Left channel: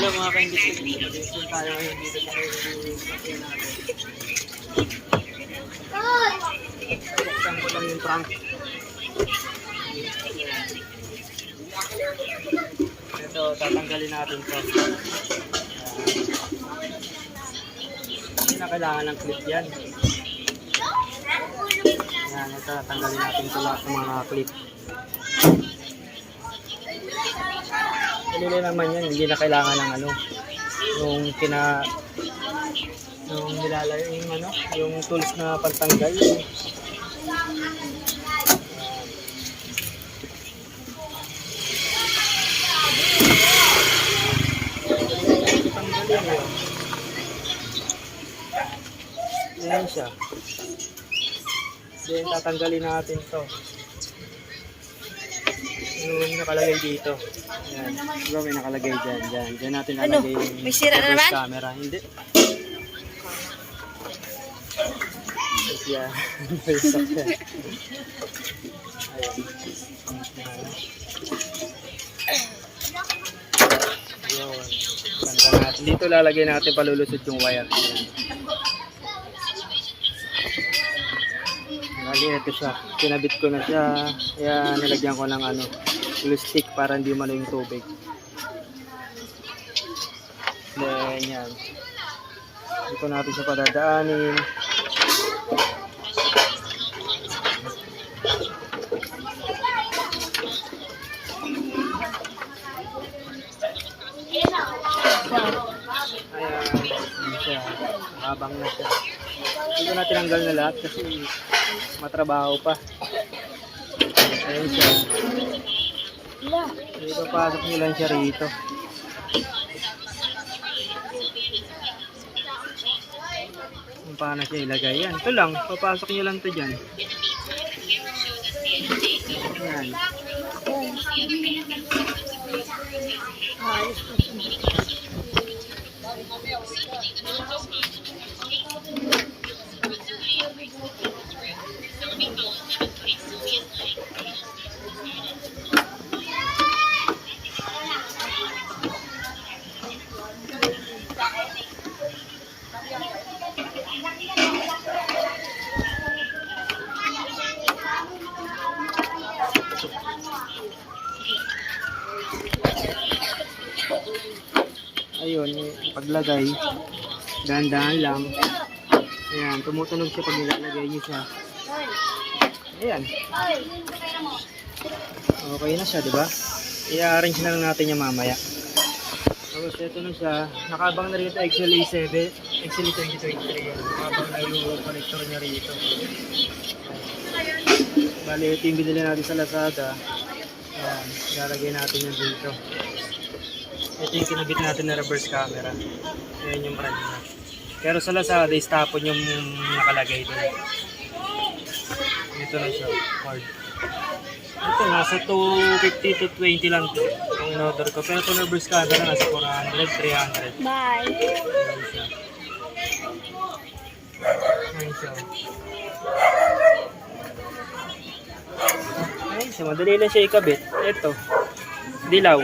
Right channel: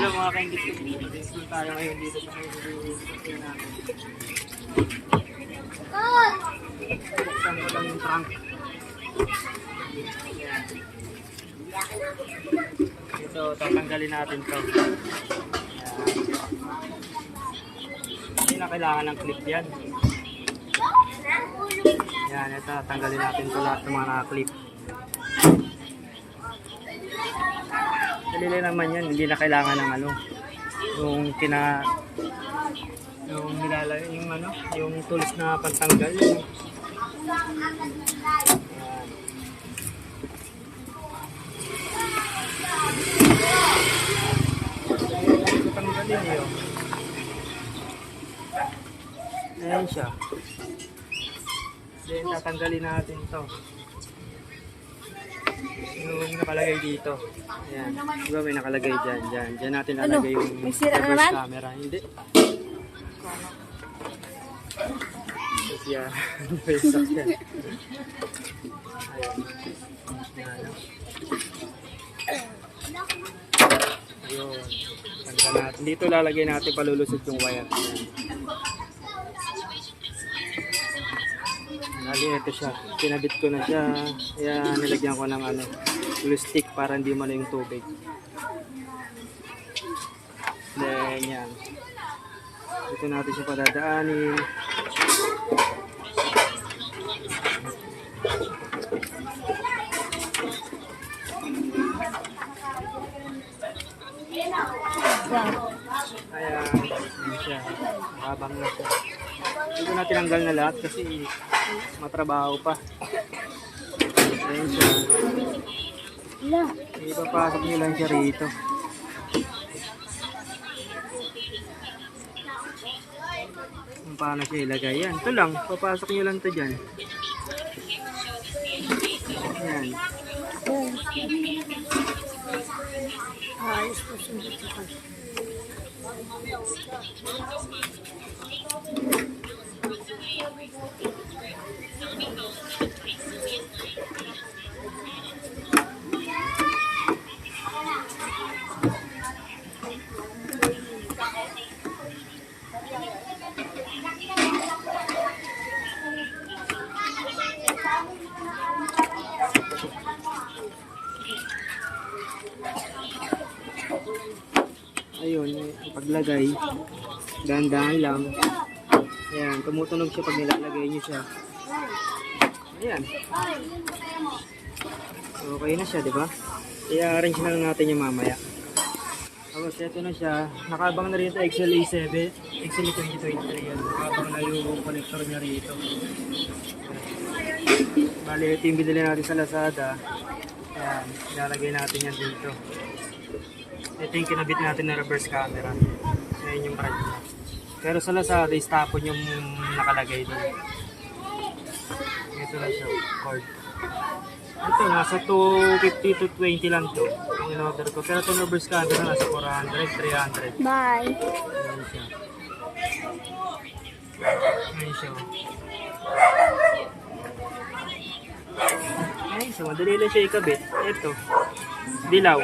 Hello mga ka-English ko dito. Mag-install tayo ngayon dito sa kayo natin. Buksan ko lang yung trunk. Ito, tatanggalin natin to. Hindi na kailangan ng clip yan. Yan, ito, tanggalin natin to lahat ng mga clip. Dalili naman yan, hindi na kailangan ng ano, yung nilalagay, yung ano, yung tools na pantanggal. Tanggalin yun. Ayan siya. Then tatanggalin natin to. Yung nakalagay dito. Ayan. Diba may nakalagay dyan. Dyan natin nakalagay yung may sira na naman? camera. Hindi. Yeah. Ayun. Ganda natin. Dito lalagay natin palulusot yung wire. Lagi ito siya. Kinabit ko na siya. Kaya nilagyan ko ng ano, glue stick para hindi man yung tubig. Then yan. Dito natin siya padadaanin. Ayan. Yan siya. Habang na siya. Dito na tinanggal na lahat kasi matrabaho pa. Ayan siya. Dito pasok nyo lang siya rito. Kung paano siya ilagay. Yan. Ito lang. Papasok nyo lang ito dyan. Yan. Ayos po siya. Ayun, yung paglagay, dahan-dahan lang. Ayan, tumutunog siya pag nilalagay niyo siya. Ayan. Okay na siya, di ba? I-arrange na lang natin yung mamaya. Tapos ito na siya. Nakabang na rito XLA7, XLA 2023 yan. Nakabang na yung connector niya rito. Bali, ito yung binili natin sa Lazada. Ayan, ilalagay natin yan dito. Ito yung kinabit natin na reverse camera. Ayan yung brand niya. Pero sa Lazada, istapon yung nakalagay doon. Ito na siya, cord. Ito, nasa 250 to 20 lang to. Itong in-order ko. Pero ito reverse camera, nasa 400, 300. Bye. Ayan siya. Ayan siya. Ayan siya, madali lang siya ikabit. Ito, dilaw.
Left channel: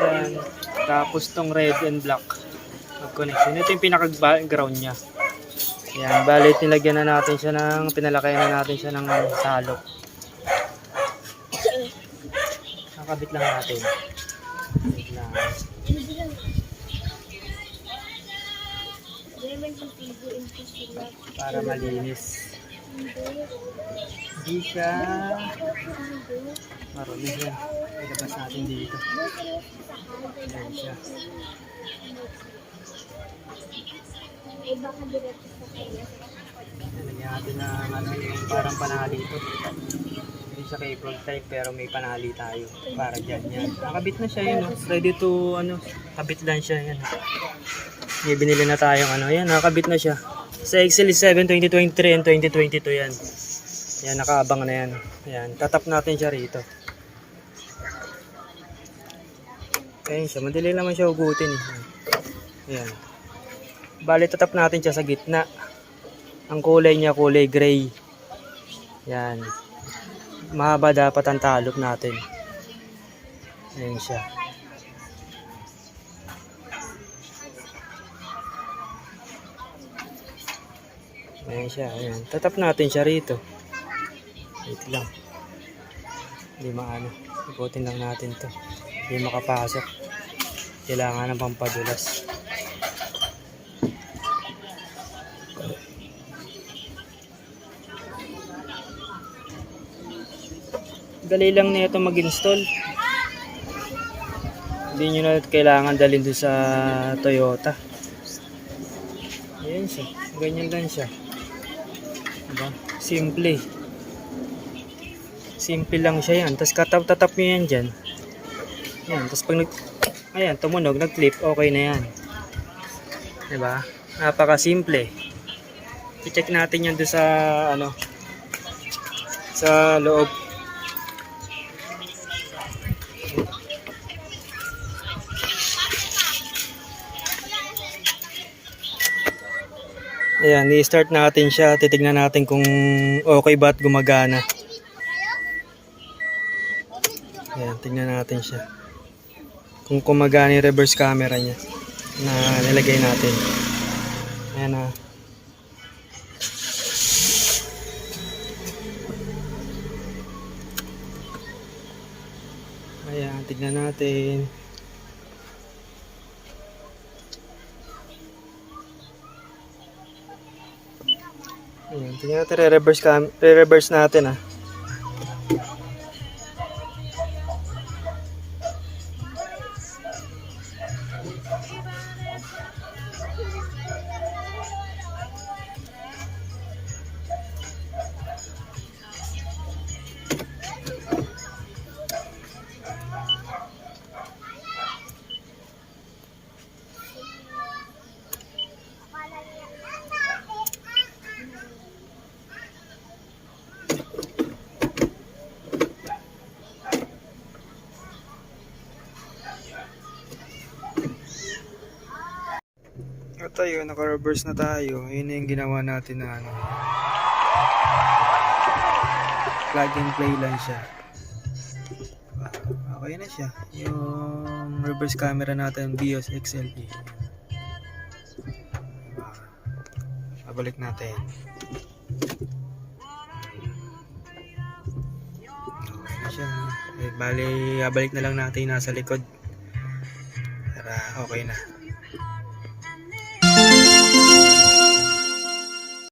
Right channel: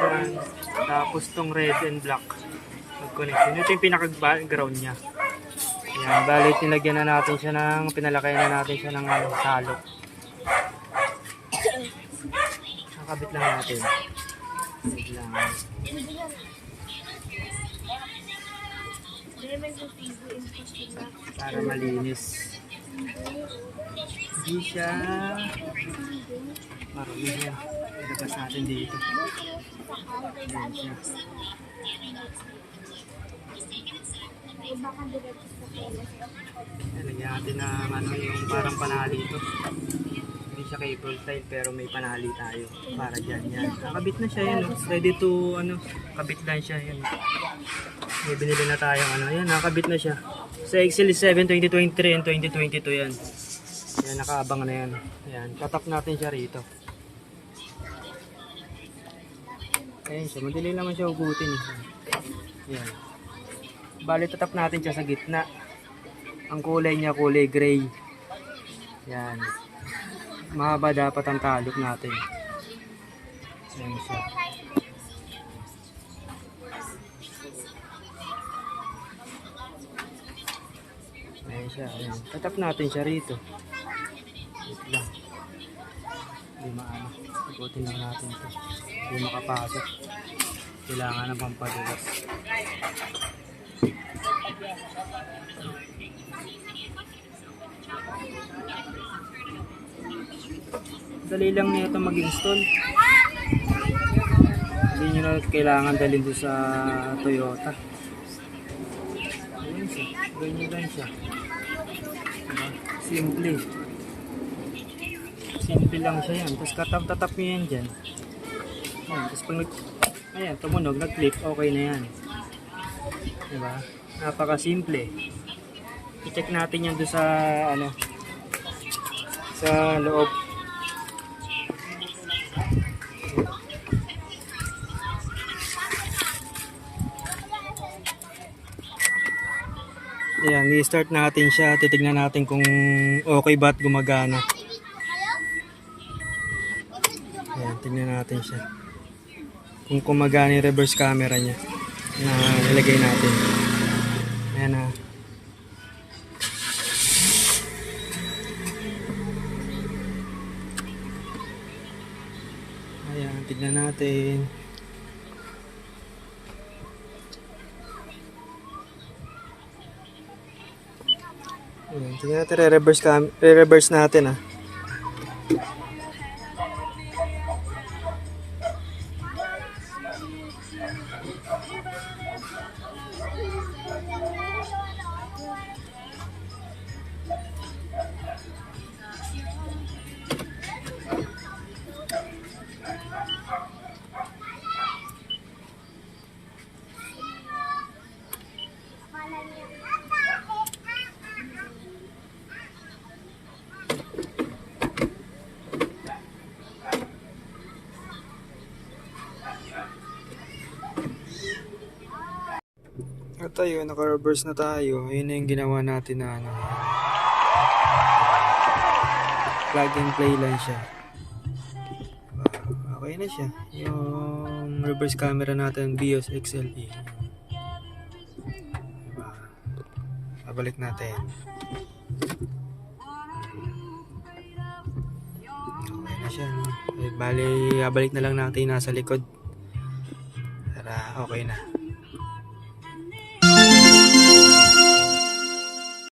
Ayan. Tapos tong red and black mag-connection. Ito yung pinaka-ground niya. Ayan. Bali, nilagyan na natin siya ng, pinalakayan na natin siya ng salok. Nakabit lang natin. Wait lang. Para malinis. Hindi siya marumi yan. Ilabas natin dito. Ayan siya. Lagyan natin ng ano, yung parang panali ito. Hindi siya cable type pero may panali tayo. Para dyan yan. Nakabit na siya yun. Ready to ano, kabit lang siya yan. May binili na tayong ano. Yan, nakabit na siya. Sa XL7 2023 and 2022 yan. Yan, nakaabang na yan. Yan, tatap natin siya rito. Ayan siya, madali naman siya hugutin. Yan. Bali, tatap natin siya sa gitna. Ang kulay niya, kulay gray. Yan. Mahaba dapat ang talop natin. Ayan siya. siya. Ayan. Tatap natin siya rito. Wait lang. Hindi maano. Ikutin lang natin to. Hindi makapasok. Kailangan ng pampadulas. Dali lang nito mag-install. Hindi nyo na kailangan dalhin doon sa Toyota. Ayan siya. Ganyan lang siya. Diba? Simple. Simple lang siya yan. Tapos tatap nyo yan dyan. Ayan. Tapos pag ayan, tumunog, nag-clip, okay na yan. Diba? Napaka-simple. I-check natin yan doon sa ano, sa loob. Ayan, i-start natin siya. Titignan natin kung okay ba at gumagana. Ayan, tignan natin siya. Kung gumagana yung reverse camera niya na nilagay natin. Ayan na. Ayan, tignan natin. Ayan, tingnan natin, re-reverse natin ah. At tayo, naka-reverse na tayo. Yun na yung ginawa natin na ano. Plug and play lang siya. Okay na siya. Yung reverse camera natin, BIOS XLE. Babalik natin. Okay na siya. Bali, babalik na lang natin nasa likod. Para okay na.